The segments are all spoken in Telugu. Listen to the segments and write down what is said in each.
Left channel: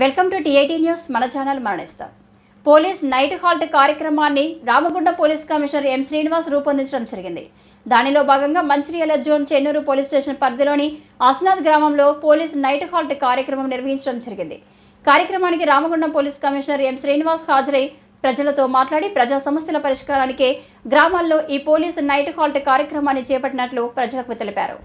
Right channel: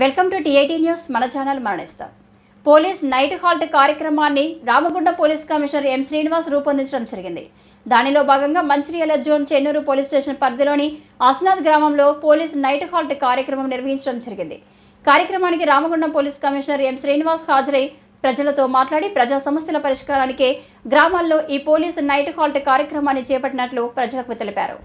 Welcome to TIT news. మన ఛానల్ మరణిస్తాం. పోలీస్ నైట్ హాల్ట్ కార్యక్రమాన్ని Ramagunda police commissioner M Srinivas రూపొందించడం జరిగింది. దానిలో భాగంగా Mancherial zone Chennur police station పరిధిలోని అస్నాథ్ గ్రామంలో పోలీస్ నైట్ హాల్ట్ కార్యక్రమం నిర్వహించడం జరిగింది. కార్యక్రమానికి Ramagundam police commissioner M Srinivas హాజరై ప్రజలతో మాట్లాడి ప్రజా సమస్యల పరిష్కారానికే గ్రామాల్లో ఈ పోలీస్ నైట్ హాల్ట్ కార్యక్రమాన్ని చేపట్టినట్లు ప్రజలకు తెలిపారు.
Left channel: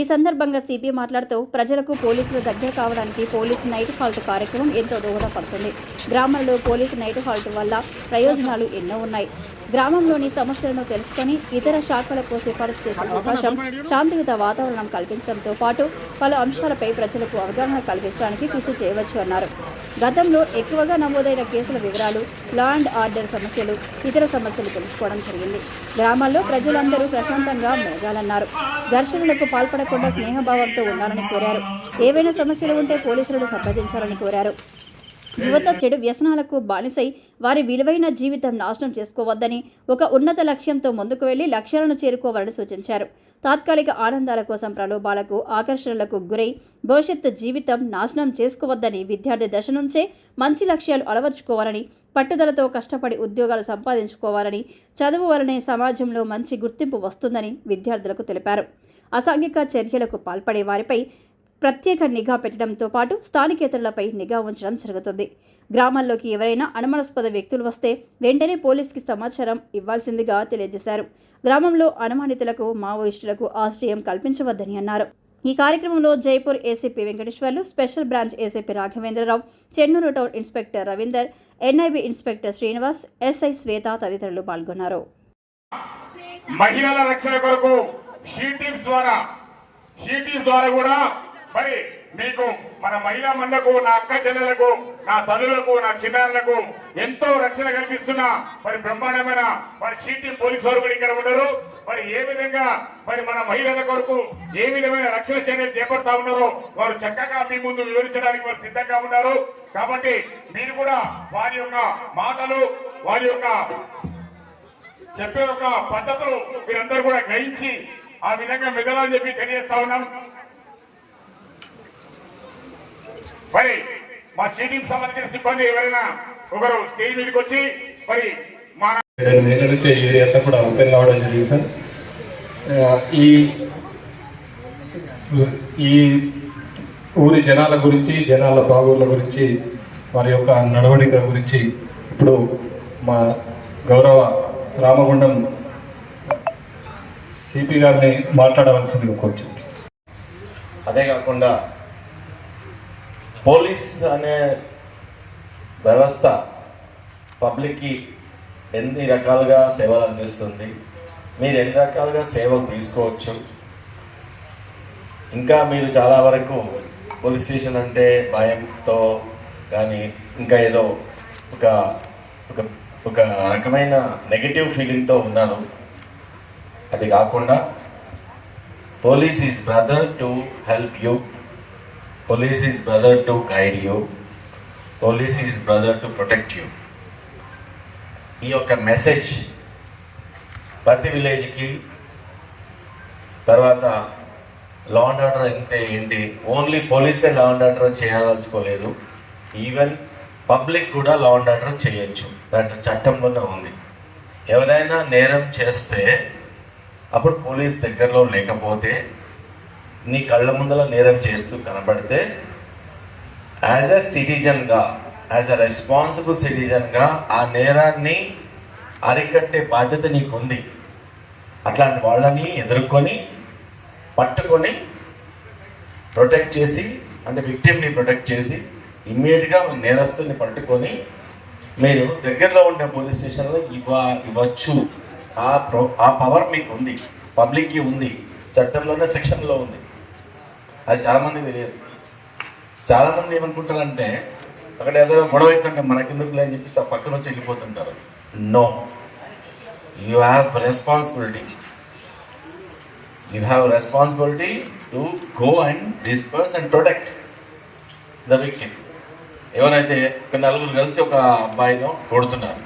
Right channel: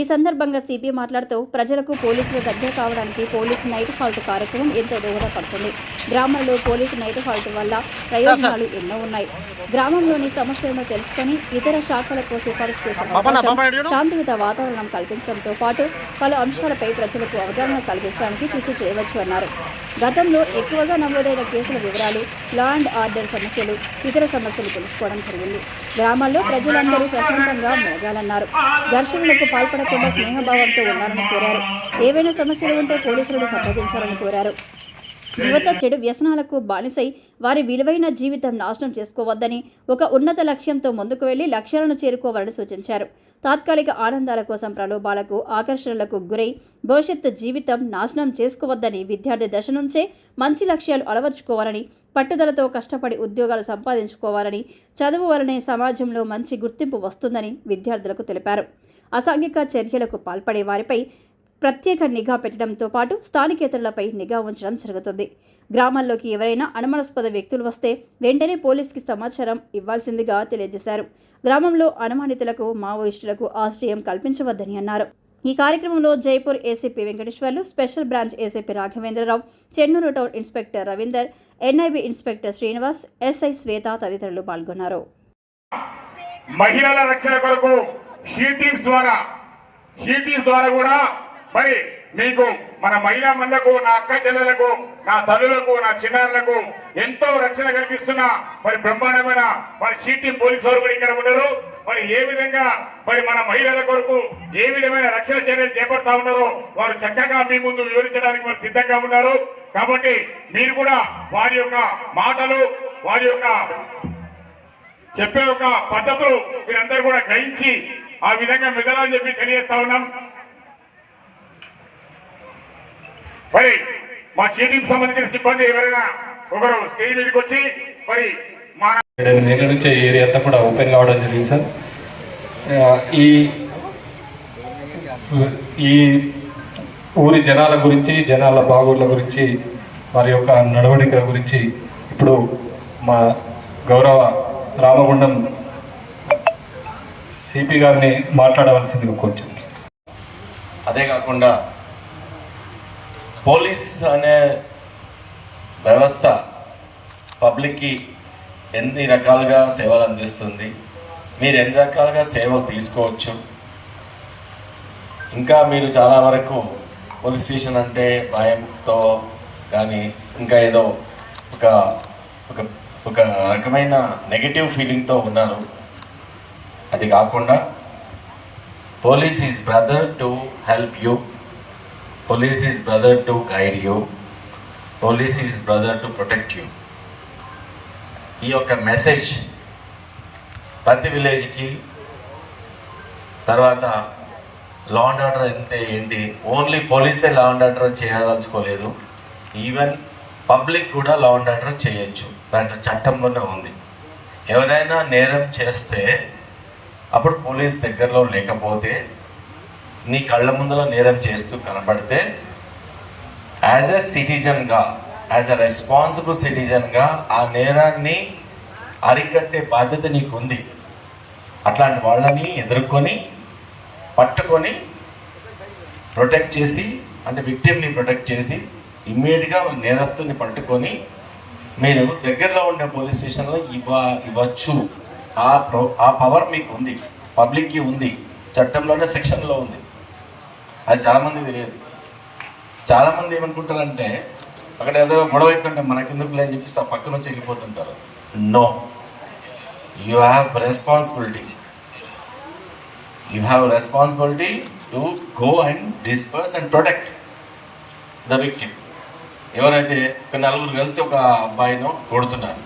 ఈ సందర్భంగా సిపి మాట్లాడుతూ ప్రజలకు పోలీసులు దగ్గర కావడానికి పోలీసు నైట్ హాల్ట్ కార్యక్రమం ఎంతో దోహదపడుతుంది. గ్రామాల్లో పోలీసు నైట్ హాల్ట్ వల్ల ప్రయోజనాలు ఎన్నో ఉన్నాయి. గ్రామంలోని సమస్యలను తెలుసుకొని ఇతర శాఖలకు సిఫారసు చేసే అవకాశం శాంతియుత వాతావరణం కల్పించడంతో పాటు పలు అంశాలపై ప్రజలకు అవగాహన కల్పించడానికి కృషి చేయవచ్చు అన్నారు. గతంలో ఎక్కువగా నమోదైన కేసుల వివరాలు లా అండ్ ఆర్డర్ సమస్యలు ఇతర సమస్యలు తెలుసుకోవడం జరిగింది. గ్రామాల్లో ప్రజలందరూ ప్రశాంతంగా మెలగాలన్నారు. ఘర్షణలకు పాల్పడకుండా స్నేహభావంతో ఉండాలని కోరారు. ఏవైనా సమస్యలు ఉంటే పోలీసులను సంప్రదించాలని కోరారు. యువత చెడు వ్యసనాలకు బానిసై వారి విలువైన జీవితం నాశనం చేసుకోవద్దని ఒక ఉన్నత లక్ష్యంతో ముందుకు వెళ్ళి లక్ష్యాలను చేరుకోవాలని సూచించారు. తాత్కాలిక ఆనందాల కోసం ప్రలోభాలకు ఆకర్షణలకు గురై భవిష్యత్తు జీవితం నాశనం చేసుకోవద్దని విద్యార్థి దశ నుంచే మంచి లక్ష్యాలు అలవర్చుకోవాలని పట్టుదలతో కష్టపడి ఉద్యోగాలు సంపాదించుకోవాలని చదువు వలనే సమాజంలో మంచి గుర్తింపు వస్తుందని విద్యార్థులకు తెలిపారు. అసాంఘిక చర్యలకు పాల్పడే వారిపై ప్రత్యేక నిఘా పెట్టడంతో పాటు స్థానికేతరులపై నిఘా ఉంచడం జరుగుతుంది. గ్రామాల్లోకి ఎవరైనా అనుమానాస్పద వ్యక్తులు వస్తే వెంటనే పోలీసుకి సమాచారం ఇవ్వాల్సిందిగా తెలియజేశారు. గ్రామంలో అనుమానితులకు మావోయిస్టులకు ఆశ్రయం కల్పించవద్దని అన్నారు. ఈ కార్యక్రమంలో Jaipur ACP Venkateswarlu special branch ACP Raghavendra Rao Chennur town inspector Ravinder NIB inspector Srinivas SI Shweta తదితరులు పాల్గొన్నారు. మహిళల రక్షణ కొరకు ద్వారా ద్వారా కూడా మరి మీకు మన మహిళా మనులకు నా అక్క చెల్లెలకు నా తల్లులకు నా చిన్నారులకు ఎంతో రక్షణ కల్పిస్తున్న మరి బ్రహ్మాండమైన మరి సిటీ పోలీసు వారు కూడా ఇక్కడ ఉన్నారు. మరి ఏ విధంగా మరి మన మహిళల కొరకు ఏ విధమైన రక్షణ చర్యలు చేపడతా ఉన్నారో వారు చక్కగా మీ ముందు వివరించడానికి వారు సిద్ధంగా ఉన్నారు. కాబట్టి మీరు కూడా వారి యొక్క మాటలు వారి యొక్క చెప్పే ఒక పద్ధతులు మీరందరూ కూడా గ్రహించి ఆ విధంగా మెదలని చెప్పి తెలియజేస్తా ఉన్నాం. మరి మా స్టేడియం సంబంధించిన సిబ్బంది ఎవరైనా ఒకరు స్టేజ్ మీదకి వచ్చి మరి మా ఏడు నెలల నుంచి ఈ ఏరియా అంతా కూడా ఓపెన్ కావడం జరిగింది సార్. ఈ ఈ ఊరి జనాల గురించి జనాల బాగోళ్ళ గురించి వారి యొక్క నడవడిక గురించి ఇప్పుడు మా గౌరవ రామగుండం సిపి గారిని మాట్లాడవలసింది కొంచెం అదే కాకుండా పోలీస్ అనే వ్యవస్థ పబ్లిక్కి ఎన్ని రకాలుగా సేవలు అందిస్తుంది? మీరు ఎన్ని రకాలుగా సేవలు తీసుకోవచ్చు? ఇంకా మీరు చాలా వరకు పోలీస్ స్టేషన్ అంటే భయంతో కానీ ఇంకా ఏదో ఒక ఒక ఒక రకమైన నెగటివ్ ఫీలింగ్తో ఉన్నారు అది కాకుండా police is brother to help you. Police is brother to guide you police is brother to protect you ఈ యొక్క మెసేజ్ ప్రతి విలేజ్కి తర్వాత లా అండ్ ఆర్డర్ అంటే ఏంటి? ఓన్లీ పోలీసే లా అండ్ ఆర్డర్ చేయదలుచుకోలేదు. ఈవెన్ పబ్లిక్ కూడా లా అండ్ ఆర్డర్ చేయొచ్చు. దాంట్లో చట్టంలోనే ఉంది. ఎవరైనా నేరం చేస్తే అప్పుడు పోలీస్ దగ్గరలో లేకపోతే నీ కళ్ళ ముందర నేరం చేస్తూ కనబడితే యాజ్ అ సిటిజన్గా యాజ్ అ రెస్పాన్సిబుల్ సిటిజన్గా ఆ నేరాన్ని అరికట్టే బాధ్యత నీకు ఉంది అట్లాంటి వాళ్ళని ఎదుర్కొని పట్టుకొని ప్రొటెక్ట్ చేసి అంటే విక్టిమ్ని ప్రొటెక్ట్ చేసి ఇమ్మీడియట్గా నేరస్తుని పట్టుకొని మీరు దగ్గరలో ఉండే పోలీస్ స్టేషన్లో ఇవ్వ ఇవ్వచ్చు. ఆ ప్రో ఆ పవర్ మీకు ఉంది పబ్లిక్కి ఉంది. చట్టంలోనే సెక్షన్లో ఉంది. అది చాలామంది తెలియదు. చాలామంది ఏమనుకుంటారంటే అక్కడ ఏదైనా గొడవ అవుతుంటే మనకెందుకు లేదని చెప్పి ఆ పక్కన వచ్చి వెళ్ళిపోతుంటారు. No you have responsibility you have responsibility to go and disperse and protect the victim ఎవరైతే ఒక నలుగురు కలిసి ఒక అబ్బాయిను కొడుతున్నారు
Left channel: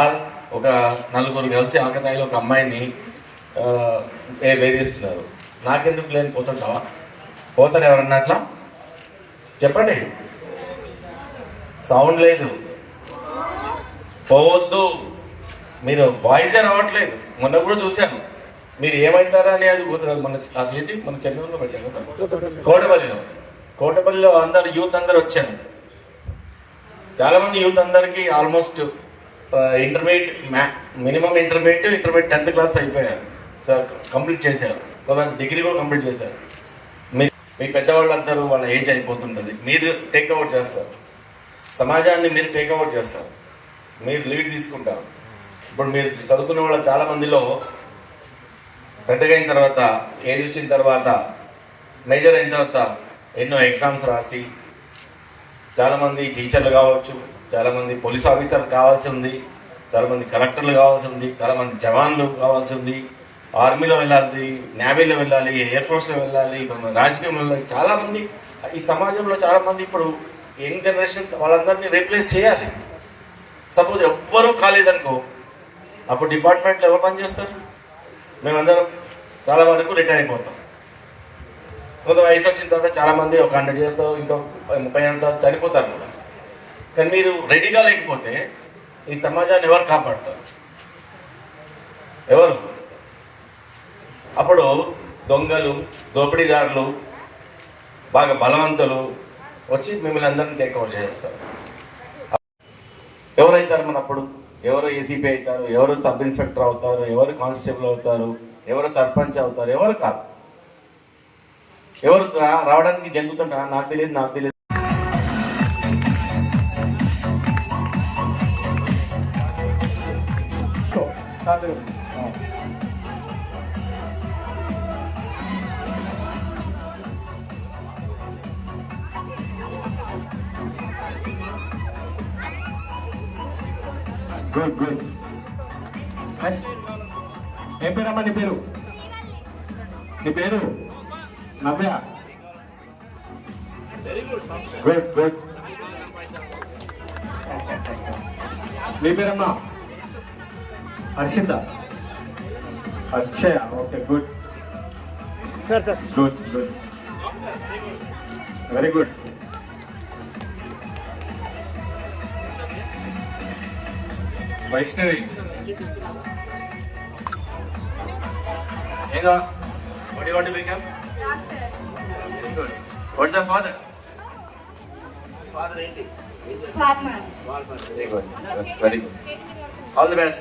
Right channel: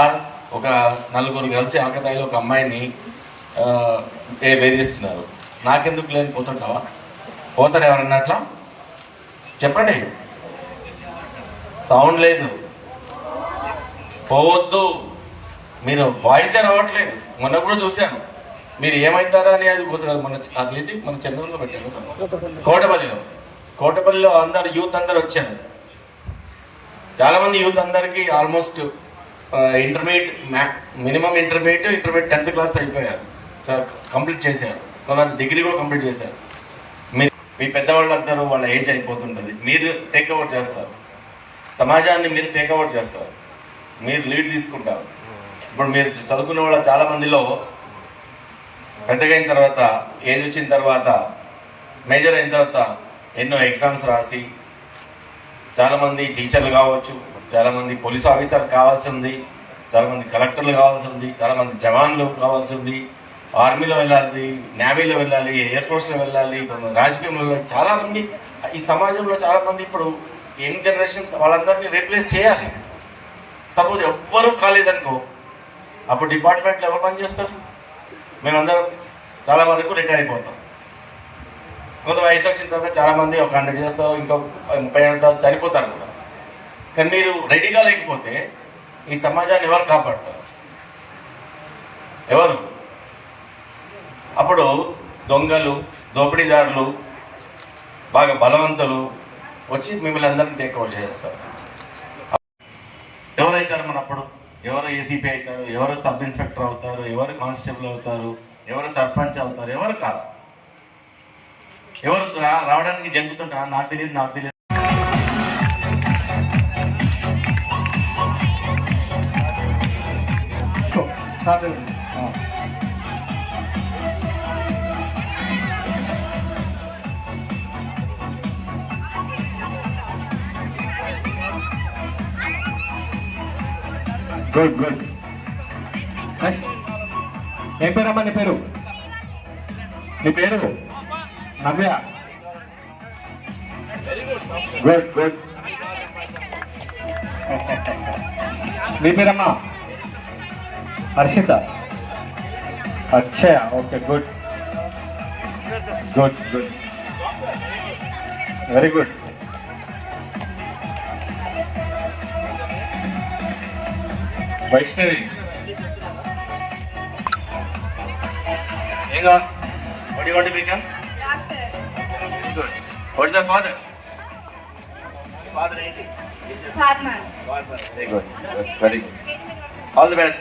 ఆర్ ఒక నలుగురు కలిసి ఆకతాయిలో ఒక అమ్మాయిని వేధిస్తున్నారు. నాకెందుకు లేకపోతుంటావా పోతారు ఎవరన్నా అట్లా? చెప్పండి. సౌండ్ లేదు. పోవద్దు. మీరు వాయిస్ రావట్లేదు. మొన్న కూడా చూశాను. మీరు ఏమవుతారా అని అది గుర్తు- మన అదేంటి మన చంద్రంలో పెట్టాను? కోటపల్లిలో. కోటపల్లిలో అందరు యూత్ అందరు వచ్చారు. చాలా మంది యూత్ అందరికి almost intermediate minimum intermediate intermediate tenth class అయిపోయారు. కంప్లీట్ చేశారు. వాళ్ళంతా డిగ్రీ కూడా కంప్లీట్ చేశారు. మీ పెద్దవాళ్ళందరూ వాళ్ళ ఏజ్ అయిపోతుంటుంది. మీరు టేక్ ఓవర్ చేస్తారు. సమాజాన్ని మీరు టేక్ ఓవర్ చేస్తారు. మీరు లీడ్ తీసుకుంటారు. ఇప్పుడు మీరు చదువుకున్న వాళ్ళ చాలా మందిలో పెద్దగైన తర్వాత ఏజ్ వచ్చిన తర్వాత మేజర్ అయిన తర్వాత ఎన్నో ఎగ్జామ్స్ రాసి చాలామంది టీచర్లు కావచ్చు చాలామంది పోలీస్ ఆఫీసర్లు కావాల్సి ఉంది చాలామంది కలెక్టర్లు కావాల్సి ఉంది చాలామంది జవాన్లు కావాల్సి ఉంది. ఆర్మీలో వెళ్ళాలి నేవీలో వెళ్ళాలి ఎయిర్ ఫోర్స్లో వెళ్ళాలి మన రాజకీయంలో వెళ్ళాలి. చాలామంది ఈ సమాజంలో చాలామంది ఇప్పుడు యంగ్ జనరేషన్ వాళ్ళందరినీ రీప్లేస్ చేయాలి. సపోజ్ ఎవ్వరూ కాలేదనుకో అప్పుడు డిపార్ట్మెంట్లో ఎవరు పని చేస్తారు? మేమందరం చాలా వరకు రిటైర్ అయిపోతాం. కొంత వయసు వచ్చిన తర్వాత చాలామంది ఒక హండ్రెడ్ ఇయర్స్ ఇంకా ముప్పై ఏళ్ళ తర్వాత చనిపోతారు. కూడా. కానీ మీరు రెడీగా లేకపోతే ఈ సమాజాన్ని ఎవరు కాపాడతారు? ఎవరు? అప్పుడు దొంగలు దోపిడీదారులు బాగా బలవంతులు వచ్చి మిమ్మల్ని అందరినీ టేక్ ఓవర్ చేస్తారు ఎవరైతారు మన అప్పుడు ఎవరు ఏసీపీ అవుతారు ఎవరు సబ్ ఇన్స్పెక్టర్ అవుతారు ఎవరు కానిస్టేబుల్ అవుతారు ఎవరు సర్పంచ్ అవుతారు ఎవరు కాదు. ఎవరు రా- రావడానికి జంకుతుంటారా? నాకు తెలియదు నాకు తెలియదు. గుడ్ గుడ్ ఏం పేరమ్మా నీ పేరు? నీ పేరు? నవ్య గుడ్ గుడ్ నీ పేరమ్మా? Harshitha. Akshaya. Okay good good good very good Vaishnavi on. What do you want to become? Good. What's the father? Father ఏంటి? All the best.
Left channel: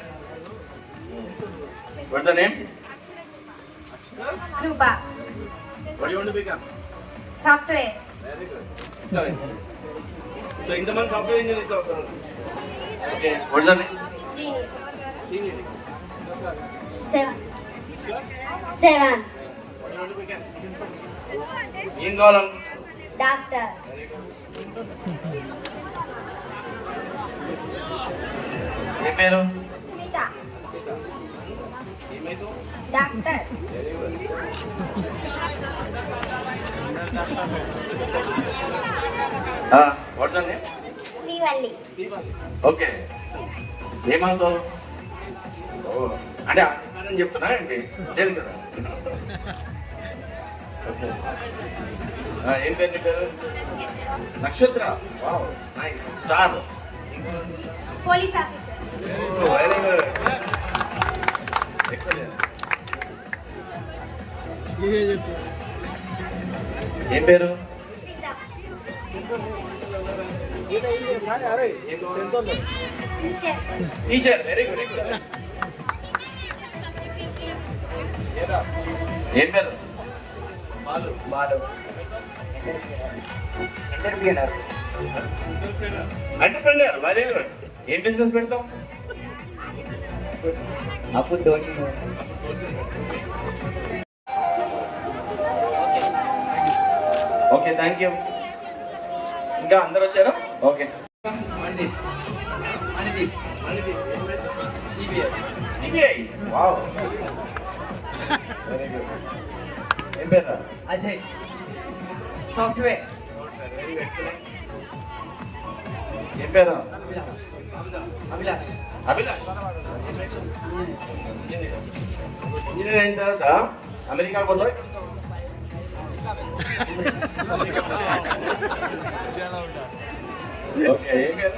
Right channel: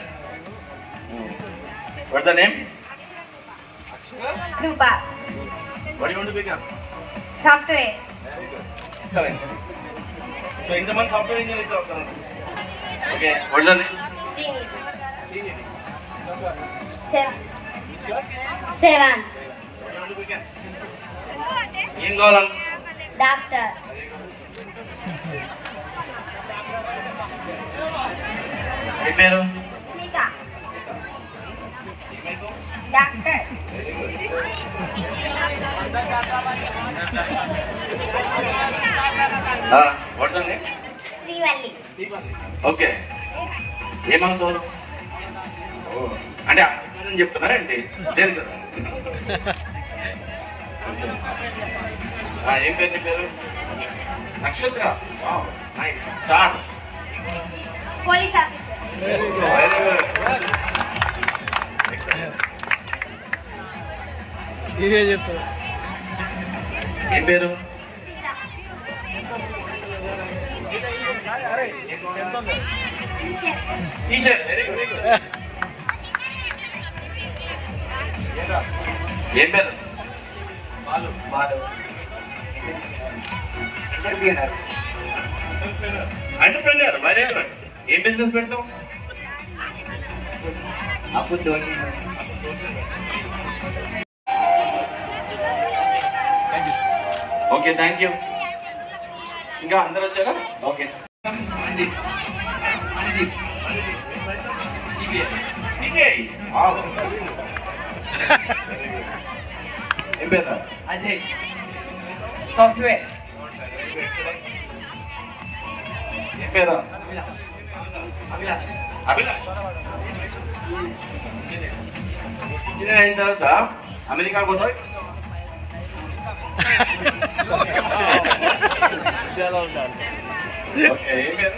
What's the name? Rupa, What do you want to become? software, Very good. Excellent. So ఇంతమంది సాఫ్ట్వేర్ ఇంజనీర్స్ అవుతారు ఓకే ద నేమ్ seven, ఏం కావాలి doctor, ఏ పేరు Srivalli, ఓకే ఓ, అంటే అని చెప్తున్నారేంటి లేదు కదా ఏం పేరు నీ పేరు Nakshatra nice start police officer, very good excellent ఏం పేరు టీచర్ వెరీ గుడ్ ఏం పేరు? Malu Balu. Entrepreneur very good ఏం బిజినెస్ పెడతాం ఓకే థ్యాంక్ యూ ఇంకా అందరు వచ్చారా? ఓకే ఏం పేరు అజయ్. సాఫ్ట్వేర్. ఏం పేరు ఇంజనీర్ అయిన తర్వాత అమెరికా పోతావు? ఇక్కడ ఉంటావా? ఓకే. ఏం పేరు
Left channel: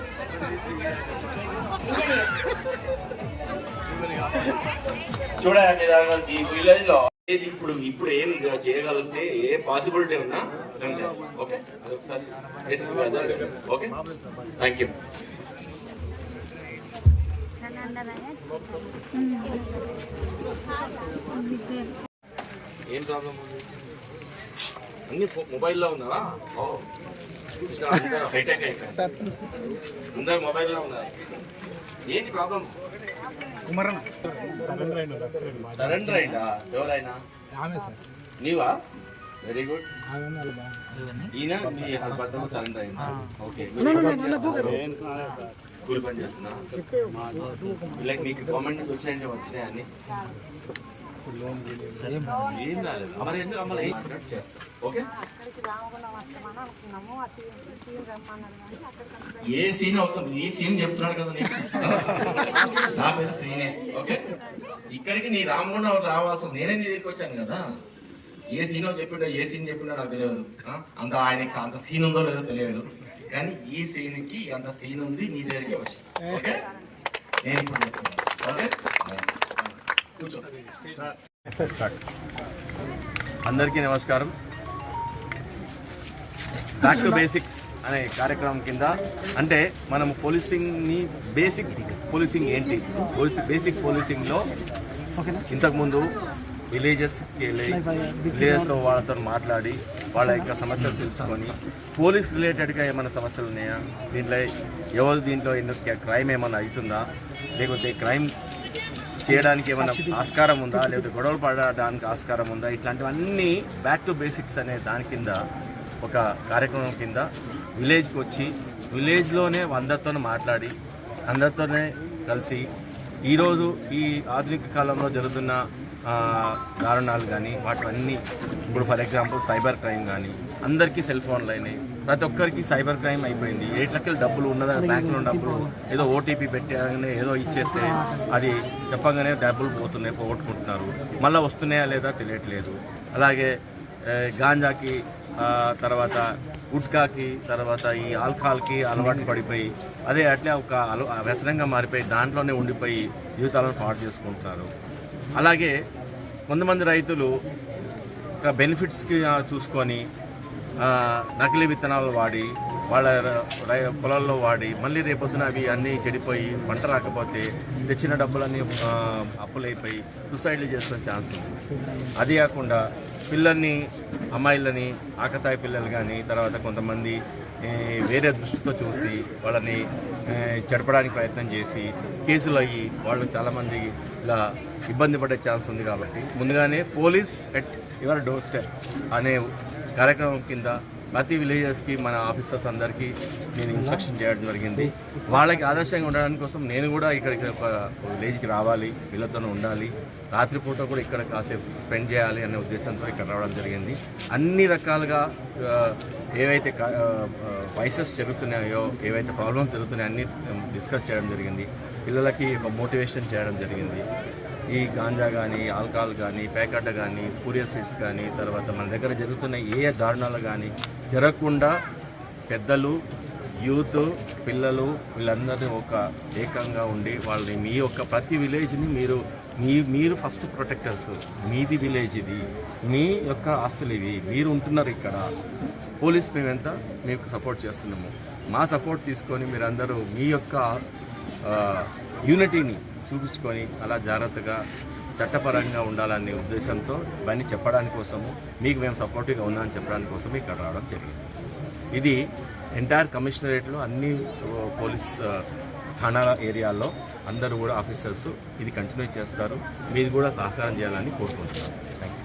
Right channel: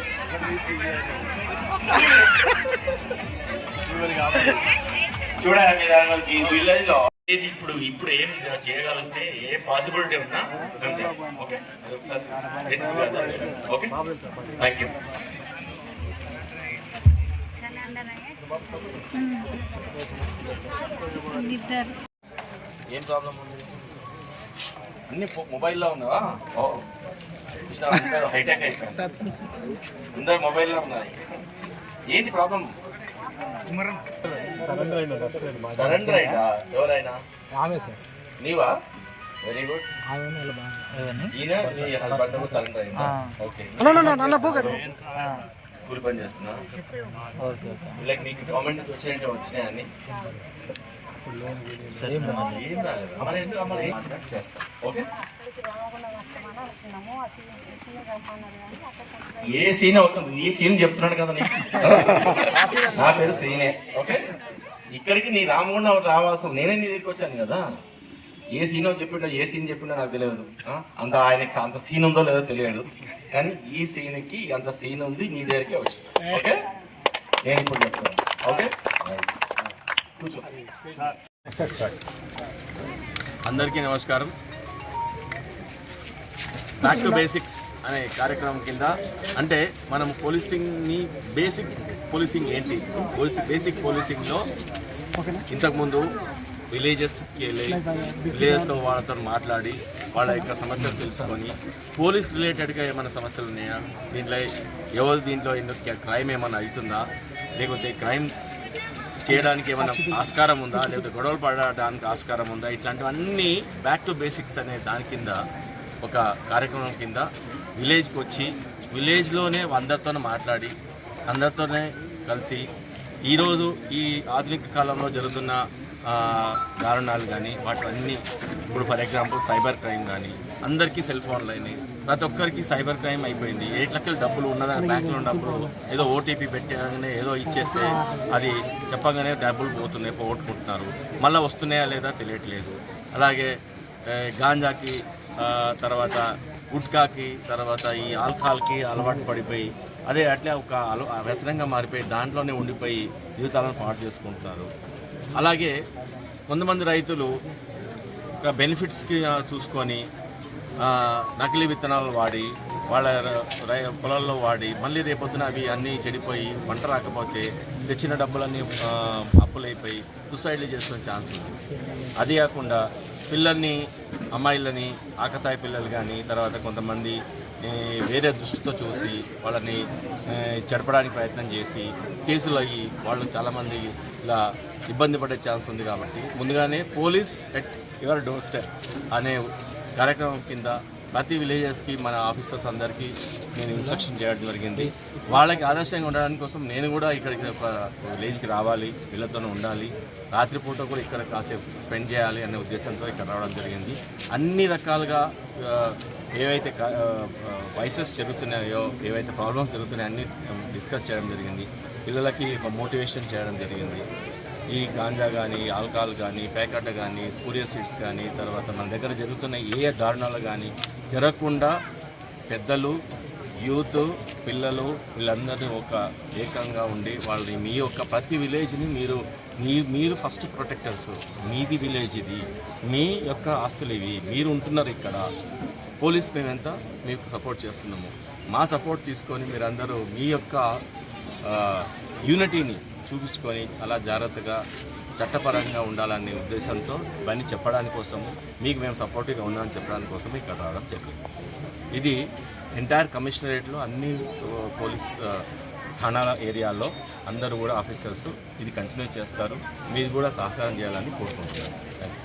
చూడండి మీరు ఈ విలేజ్లో ఏది ఇప్పుడు ఇప్పుడు ఏం చేయగలిగితే ఏ పాసిబిలిటీ ఉన్నా మేము చేస్తాం. ఓకే? అదొకసారి బేసిక్ కదా ఓకే? థ్యాంక్ యూ ఏం ప్రాబ్లం ఉంది? అన్ని మొబైల్లో ఉన్నావా? హైటెక్ అయిపోయింది అందరు మొబైల్లో ఉన్నారు ఏంటి ప్రాబ్లం సరెండర్ అయిందా ఎవరైనా? నీవా? వెరీ గుడ్ ఈయన నీ హస్బెండ్ సరెండర్ అయిందా? ఓకే కూలి పని చేస్తున్నా? లైక్ మీకు గవర్నమెంట్ నుంచి వచ్చినాయంటే వచ్చినాయని ఓకే ఏ సీన్ అవుతుంది? ఈ సీన్ చెప్తున్నాడు కదా నీకు. నా పేరు సీనే ఓకే? ఇక్కడికి నీ రామగుండం రావాల్సిన నేనే నీ దగ్గరికి వచ్చాను కదా. ఏ సీన్ చెప్పాడో ఏ సీన్ చెప్పిడో నాకు తెలియదు. అంత ఆయనకి అంత సీన్ ఉందో లేదో తెలియదు. కానీ ఈ సీన్కి అంత సీన్ ఉంది నీ దగ్గరికి వచ్చాను. ఓకే? నేను ఇప్పుడు చెప్తాను. ఓకే? అందరికీ నమస్కారం. బ్యాక్ టు బేసిక్స్ అనే కార్యక్రమం కింద అంటే మనం పోలీసింగ్ని బేసిక్ పోలీసింగ్ ఏంటి? బేసిక్ పోలీసింగ్లో ఇంతకుముందు విలేజెస్కి వెళ్ళి విలేజెస్లో వాళ్ళతో మాట్లాడి వాళ్ళ యొక్క సమస్యలు తెలుసుకొని పోలీస్ రిలేటెడ్గా ఏమైనా సమస్యలు ఉన్నాయా? దీంట్లో ఎవరు దీంట్లో ఎందుకు క్రైమ్ ఏమైనా అవుతుందా? లేకపోతే క్రైమ్ చేయడానికి ఏమైనా ఆస్కారం ఉందా? లేదా గొడవలు పడడానికి ఆస్కారం ఉందా? ఇట్లాంటివన్నీ బ్యాక్ టు బేసిక్స్ అనే దాని కింద ఒక కార్యక్రమం కింద విలేజ్కి వచ్చి విలేజ్లోనే అందరితోనే మాట్లాడి అందరితోనే కలిసి ఈరోజు ఈ ఆధునిక కాలంలో జరుగుతున్న దారుణాలు కానీ వాటివన్నీ ఇప్పుడు ఫర్ ఎగ్జాంపుల్ సైబర్ క్రైమ్ కానీ అందరికీ సెల్ ఫోన్లు అయినాయి. ప్రతి ఒక్కరికి సైబర్ క్రైమ్ అయిపోయింది. ఎయిట్ లక్షల డబ్బులు ఉన్నదని బ్యాంకులో ఉన్నప్పుడు ఏదో ఓటీపీ పెట్టగానే ఏదో ఇచ్చేస్తే అది చెప్పగానే డబ్బులు పోతున్నాయి పోగొట్టుకుంటున్నారు. మళ్ళీ వస్తున్నాయా లేదా తెలియట్లేదు. అలాగే గాంజాకి తర్వాత గుట్కాకి తర్వాత ఈ ఆల్కహాల్కి అలవాటు పడిపోయి అదే అట్లే ఒక అల వ్యసనంగా మారిపోయి దాంట్లోనే ఉండిపోయి జీవితాలను పాటు చేసుకుంటున్నారు. అలాగే కొంతమంది రైతులు యొక్క బెనిఫిట్స్కి చూసుకొని నకిలీ విత్తనాలు వాడి వాళ్ళ రై- పొలాల్లో వాడి మళ్ళీ రేపొద్దున అవి అన్నీ చెడిపోయి పంట రాకపోతే తెచ్చిన డబ్బులన్నీ అప్పులైపోయి సూసైడ్లు చేసుకునే ఛాన్స్ ఉంది. అది కాకుండా పిల్లల్ని అమ్మాయిలని ఆకతాయి పిల్లలు కానీ తర్వాత కొంతమంది వేరే దృష్టితో చూసి వాళ్ళని చెడపడానికి ప్రయత్నం చేసి కేసులు అయ్యి వాళ్ళు చాలామంది ఇలా ఇబ్బంది పడే ఛాన్స్ ఉంది కాబట్టి ముందుగానే police at your door step అనే కార్యక్రమం కింద ప్రతి విలేజెస్కి మన ఆఫీసర్స్ అందరికీ నేను ఇన్స్ట్రక్షన్ చేయడం జరిగింది. వాళ్ళకి ఆదర్శంగా ఉండడానికి కోసం నేను కూడా ఇక్కడికి ఒక విలేజ్కి రావాలి వీళ్ళతోనే ఉండాలి రాత్రిపూట కూడా ఇక్కడ కాసేపు స్పెండ్ చేయాలి అనే ఉద్దేశంతో ఇక్కడ రావడం జరిగింది. అన్ని రకాలుగా ఏవైతే వైసెస్ జరుగుతున్నాయో ఏవైతే ప్రాబ్లమ్స్ జరుగుతున్నాయో అన్ని డిస్కస్ చేయడం జరిగింది. పిల్లలకి ఒక మోటివేషన్ చేయడం జరిగింది. ఈ గాంజా కానీ ఆల్కహాల్ కానీ ప్యాకెట్ కానీ సూర్య సీడ్స్ కానీ తర్వాత మన దగ్గర జరుగుతున్న ఏ దారుణాలు కానీ జరగకుండా పెద్దలు యూత్ పిల్లలు వీళ్ళందరినీ ఒక ఏకంగా ఉండి వాళ్ళని మీ యొక్క ప్రతి విలేజ్ని మీరు మీ మీరు ఫస్ట్ ప్రొటెక్టర్స్ మీది విలేజ్ ఇది. మీ యొక్క ఆస్తులు ఇవి. మీరు ఉంటున్నారు ఇక్కడ. పోలీస్ మేమెంత మీకు సపోర్ట్ చేస్తున్నాము. మా సపోర్ట్ తీసుకొని మీరందరూ మీ యొక్క యూనిటీని చూపించుకొని అలా జాగ్రత్తగా చట్టపరంగా ఉండాలనే ఉద్దేశంతో ఇవన్నీ చెప్పడానికి కోసము మీకు మేము సపోర్టివ్గా ఉన్నామని చెప్పడానికి కోసం ఇక్కడ రావడం జరిగింది. ఇది ఎంటైర్ కమిషనరేట్లో అన్ని పోలీస్ థానాల ఏరియాల్లో అందరూ కూడా ఆఫీసర్స్ ఇది కంటిన్యూ చేస్తారు. మీరు కూడా సహకారం చేయాలని కోరుకుంటున్నాను. Thank you